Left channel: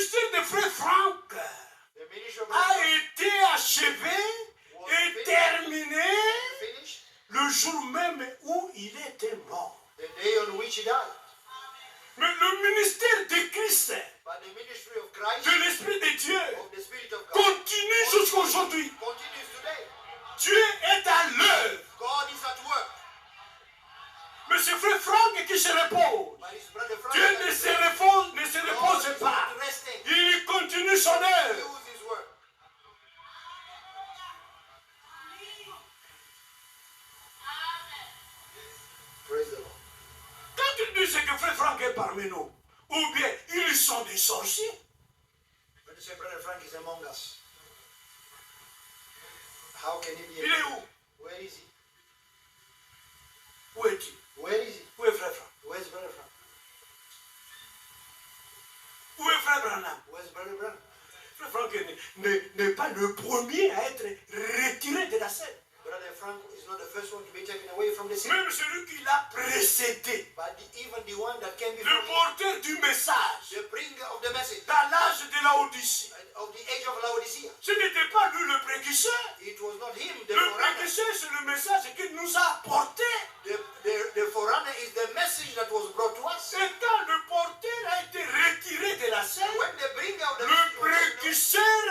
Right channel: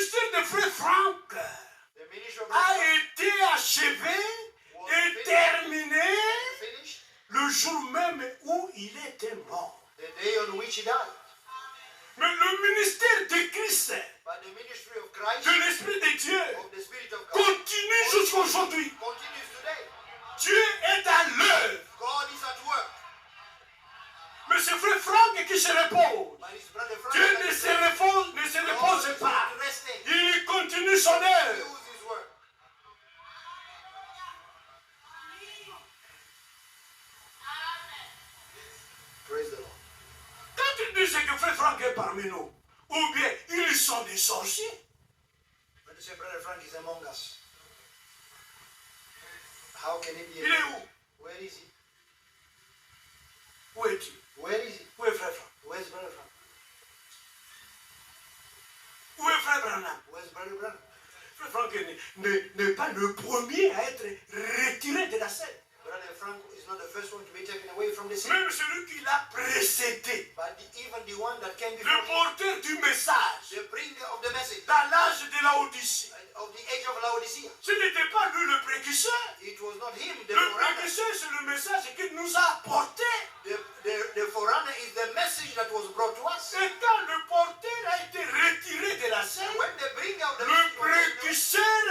ministère de Frère Franck a été achevé et terminé le jour même où il était mort. The day on which he died. Mais le ministère de Christ, But the ministry of Christ, de l'Esprit de Dieu, of the Spirit of God, continue jusqu'à aujourd'hui. continues today. Dieu est à l'œuvre. God is at work. Mais c'est Frère Franck qui se repose. But his brother Frank Dieu ne se repose pas. Il continue son œuvre. use his work. Praise the Lord. Quand ils disent que Frère Franck est parmi nous, ou bien ils sont des sorciers, When you say Brother Frank is among us, how can he be? il est où? Where is he? Où est-il? Where is he? Où est Frère Franck? Where's Brother Frank? Où est Frère Branham? Where's Brother Branham? Frère Franck n'est pas le premier à être retiré de la scène. Brother Frank is not the first one to be taken away from the scene, Même celui qui l'a précédé, but even the one that came le before him, porteur du message, the bringer of the message dans l'âge de la Odyssée. of the age of Laodicea. Ce n'était pas lui le précurseur. It was not him, the Le forerunner. précurseur, c'est le message qu'il nous a apporté. The forerunner is the message that was brought to us. Et quand le porteur a été retiré de la scène, When the bringer of the le message was taken away, précurseur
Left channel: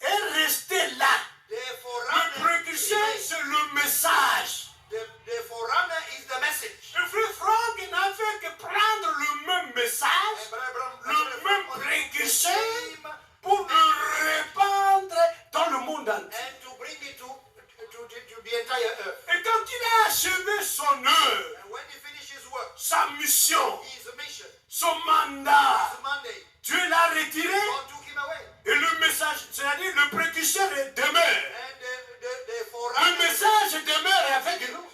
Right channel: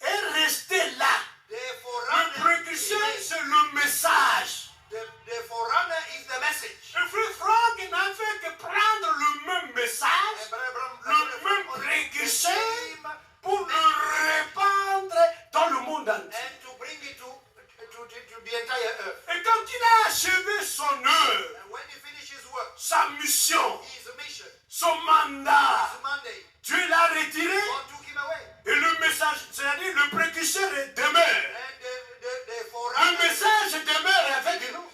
est resté là. the Le forerunner, précurseur, c'est le message. the forerunner is the message. Le frère Franck n'a fait que prendre le même message, And Brother Branham, le même on the précurseur, same, pour le répandre dans le monde entier. and to bring it to the entire earth. Et quand il a achevé son œuvre, And when he finished his work, sa mission, his mission, son mandat, his mandate, Dieu l'a retiré God took him away. et le message, c'est-à-dire le précurseur demeure. And the Le forerunner, message demeure avec nous.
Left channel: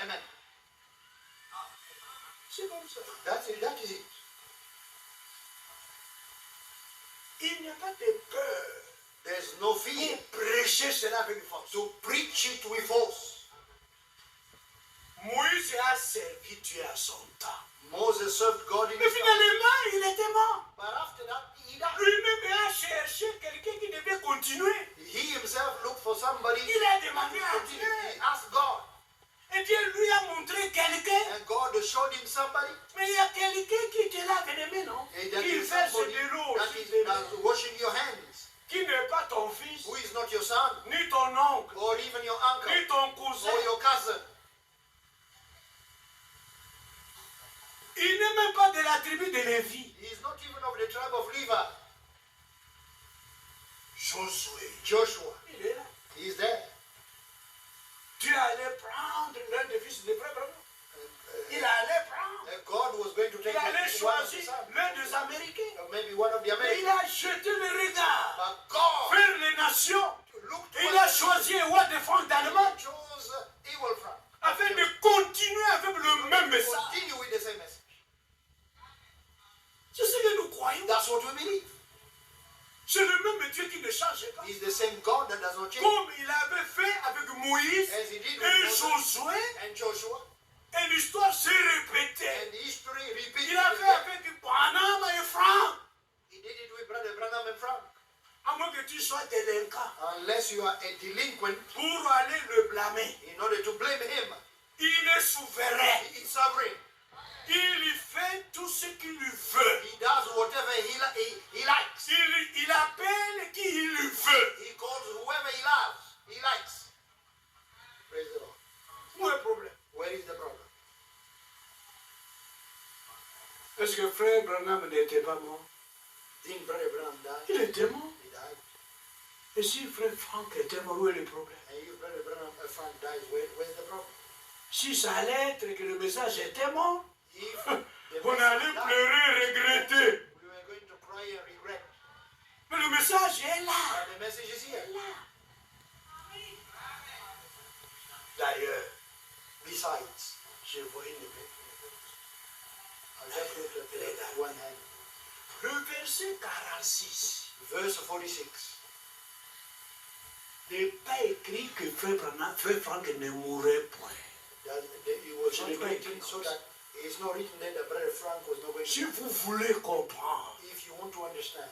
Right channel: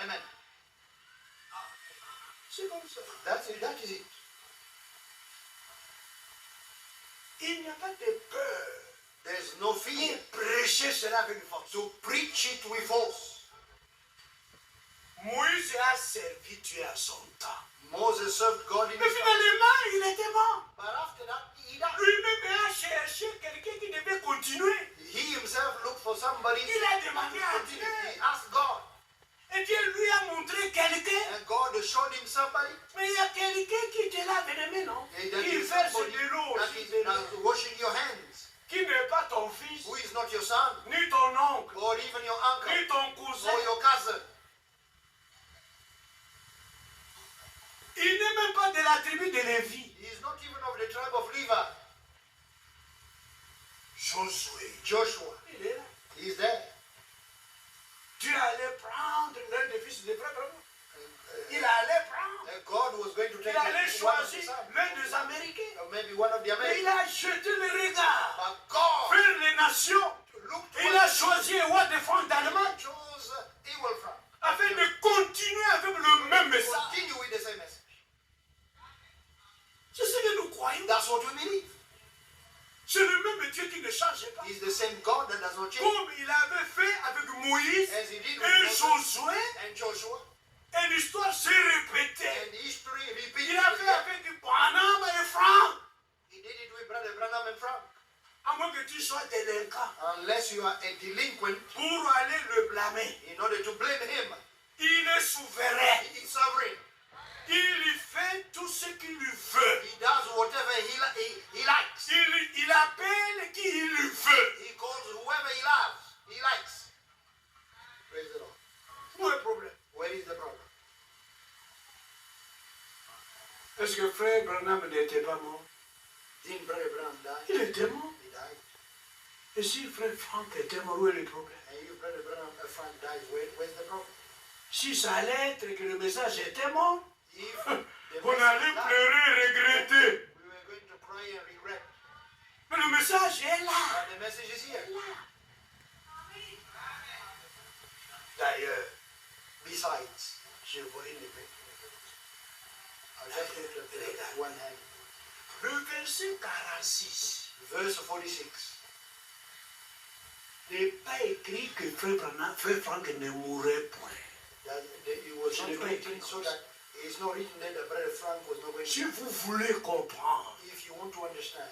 amen. C'est comme ça. That is it. Il n'y a pas de peur. There's no fear Pour prêcher cela avec force. to preach it with force. Moïse a servi Dieu à son temps. Moses served God in Mais his time. finalement, il était mort. But after that, he died. Lui-même a cherché quelqu'un qui devait continuer. He himself looked for somebody. Il a demandé à He Dieu. asked God. Et Dieu lui a montré quelqu'un. And God showed him somebody. Mais il y a quelqu'un qui te lave les mains, non? And that Qui is verse somebody de l'eau that sur is tes mains. washing your hands. Qui n'est pas ton fils, Who is not your son, ni ton oncle, or even your uncle, ni ton cousin. or your cousin. Il n'est même pas de la tribu de Lévi. He is not even of the tribe of Levi. Josué. Joshua, Il est là. he is there. Dieu allait prendre l'un des fils de frère Branham. Il allait prendre. And God was going to take Il allait one of his choisir sons, l'un des Américains. or maybe one of the Mais il Americans. a jeté le regard But God vers les nations. looked Il a choisi un roi de France d'Allemagne chose evil from. afin de continuer avec le même message. Continue with the same message. C'est ce que nous croyons. That's what we believe. C'est le même Dieu qui ne change pas. He's the same God that does not change. Comme il avait fait avec Moïse As he did et with Moses Josué, and Joshua, et l'histoire s'est répétée. and history repeated Il a it fait again. avec Branham et Franck. He did it with Brother Branham and Frank. À moins que tu sois délinquant Unless you are a delinquent, pour aller le blâmer. in order to blame him, Il est souverain. he is sovereign. Il fait tout ce qu'il veut. He does whatever he likes. Il appelle qui il veut. He calls whoever he loves. He likes. Praise the Lord. Où est le problème? Where is the problem? Est-ce que frère Branham n'était pas mort? Didn't Brother Branham die? Il était mort. He died. Et si frère Franck était mort, où est le problème? And if Brother Branham Frank dies, where's the problem? Si ça allait être que le message était mort, If the on allait message died, pleurer, regretter. we were going to cry and regret. Mais le message est là. But the message is here. D'ailleurs, Besides, je vois une épée. I just looked at one hand. Le verset 46 Verse 46. n'est pas écrit que frère Franck ne mourrait point. That it was Ce not n'est pas written écrit so comme that It's not written there that Brother Frank was not going Si to. vous voulez comprendre, If you want to understand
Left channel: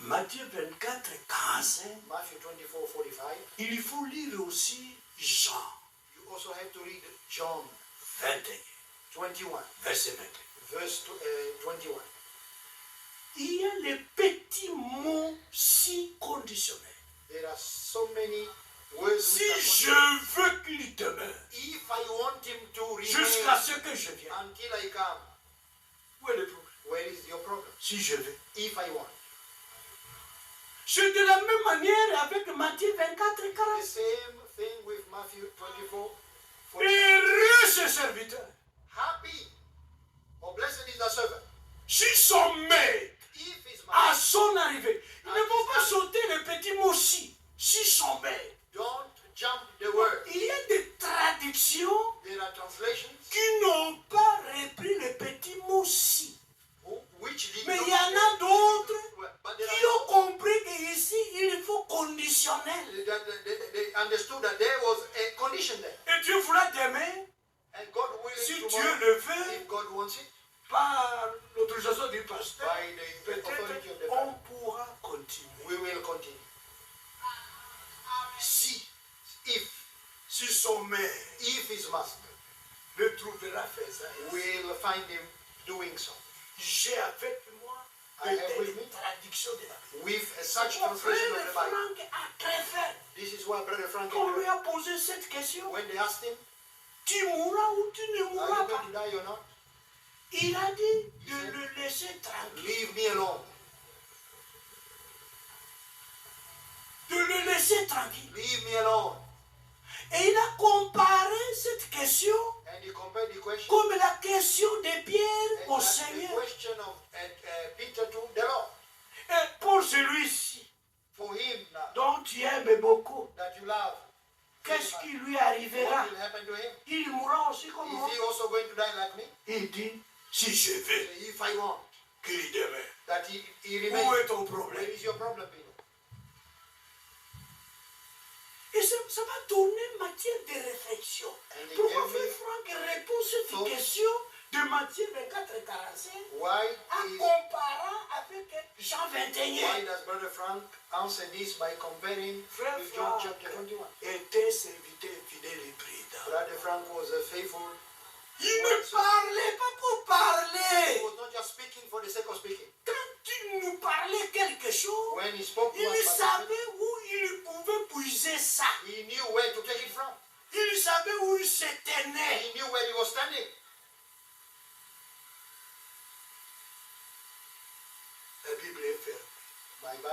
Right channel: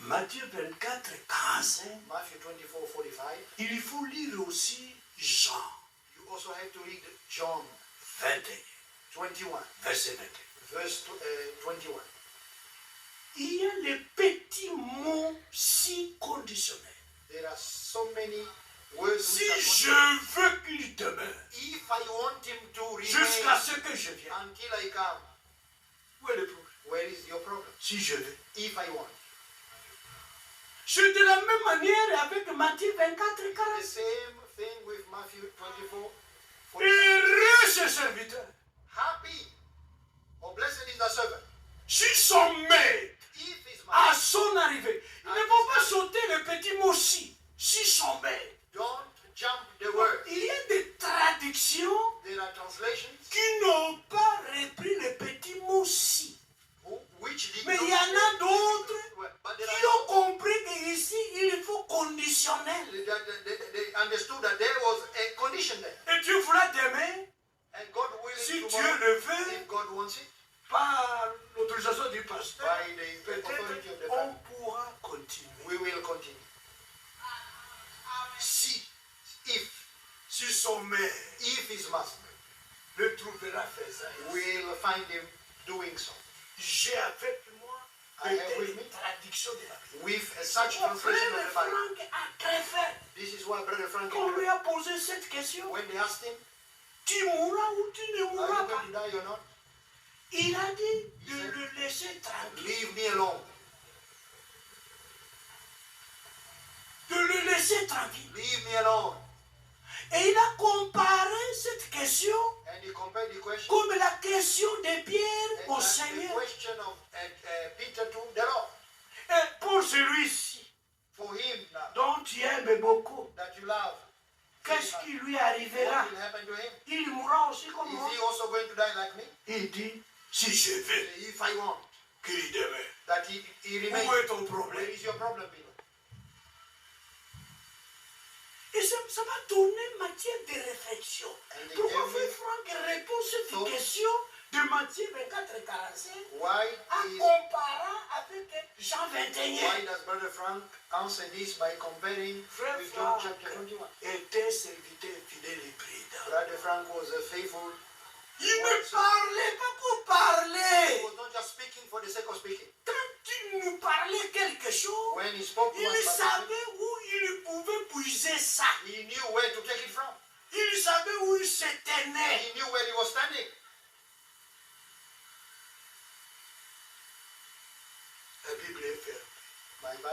Matthieu 24, 45, Matthew 24:45, il faut lire aussi Jean you also have to read John 21, 21, verset 21. verse 21. Il y a les petits mots si conditionnels. There are so many words Si which are je conditional. veux qu'il demeure If I want him to remain jusqu'à ce que je vienne, until I come, où est le problème? where is your problem? Si je veux. If I want. C'est de la même manière avec Matthieu 24, The 40. same thing with Matthew 24. 45. Heureux ce serviteur. Happy or blessed is the servant. Si son maître, If his à master, son arrivée, il ne faut pas sauter le petit mot si. Si son maître. don't jump the word. Il y a des traductions There are translations qui n'ont pas repris le petit mot si. which did Mais not il y en a d'autres but there qui ont are compris qu'ici, il faut conditionnel. they understood that there was a condition there. Et Dieu voulait demain, And God willing si Dieu tomorrow, le veut, if God wants it, par l'autorisation du pasteur, by the authority of the peut-être on Father, pourra continuer. we will continue. Si, If son maître his master le trouvera faisant, will find him doing so. j'ai avec moi I have with me une traduction de la Bible. with such Mon translation frère of the Bible. Franck a très fait. This is why Brother Frank, Quand on lui a posé cette question, when they asked him, tu mourras ou tu ne are mourras you pas? going to die or not? Il a dit de le laisser tranquille. Leave me alone. De le laisser tranquille. Leave me alone. Et il a comparé cette question And he compared the question comme la question de Pierre au and the Seigneur. question of Peter to the Lord. Et pour celui-ci, For him now, dont tu aimes beaucoup, that you love, qu'est-ce qui lui arrivera? what will happen to him? Il mourra aussi comme moi. Is he also going to die like me? Il dit, si je veux If I want qu'il demeure, that he où remains, est ton where problème? is your problem, Peter? Et ça m'a donné matière de réflexion. And Pourquoi he gave Frère me Franck répond cette thought. question de Matthieu 24 et 45 Why en is comparant avec Jean why 21? does Brother Frank answer this by comparing Frère with John Franck chapter 21? était serviteur fidèle et prudent. Brother Frank was a faithful. Il ne parlait pas pour He parler. was not just speaking for the sake of speaking. Quand il nous parlait quelque chose, When he spoke to il us, savait où il pouvait puiser ça. he knew where to take it from. Il savait où il se tenait. He knew where he was standing. La Bible est ferme. Bye bye.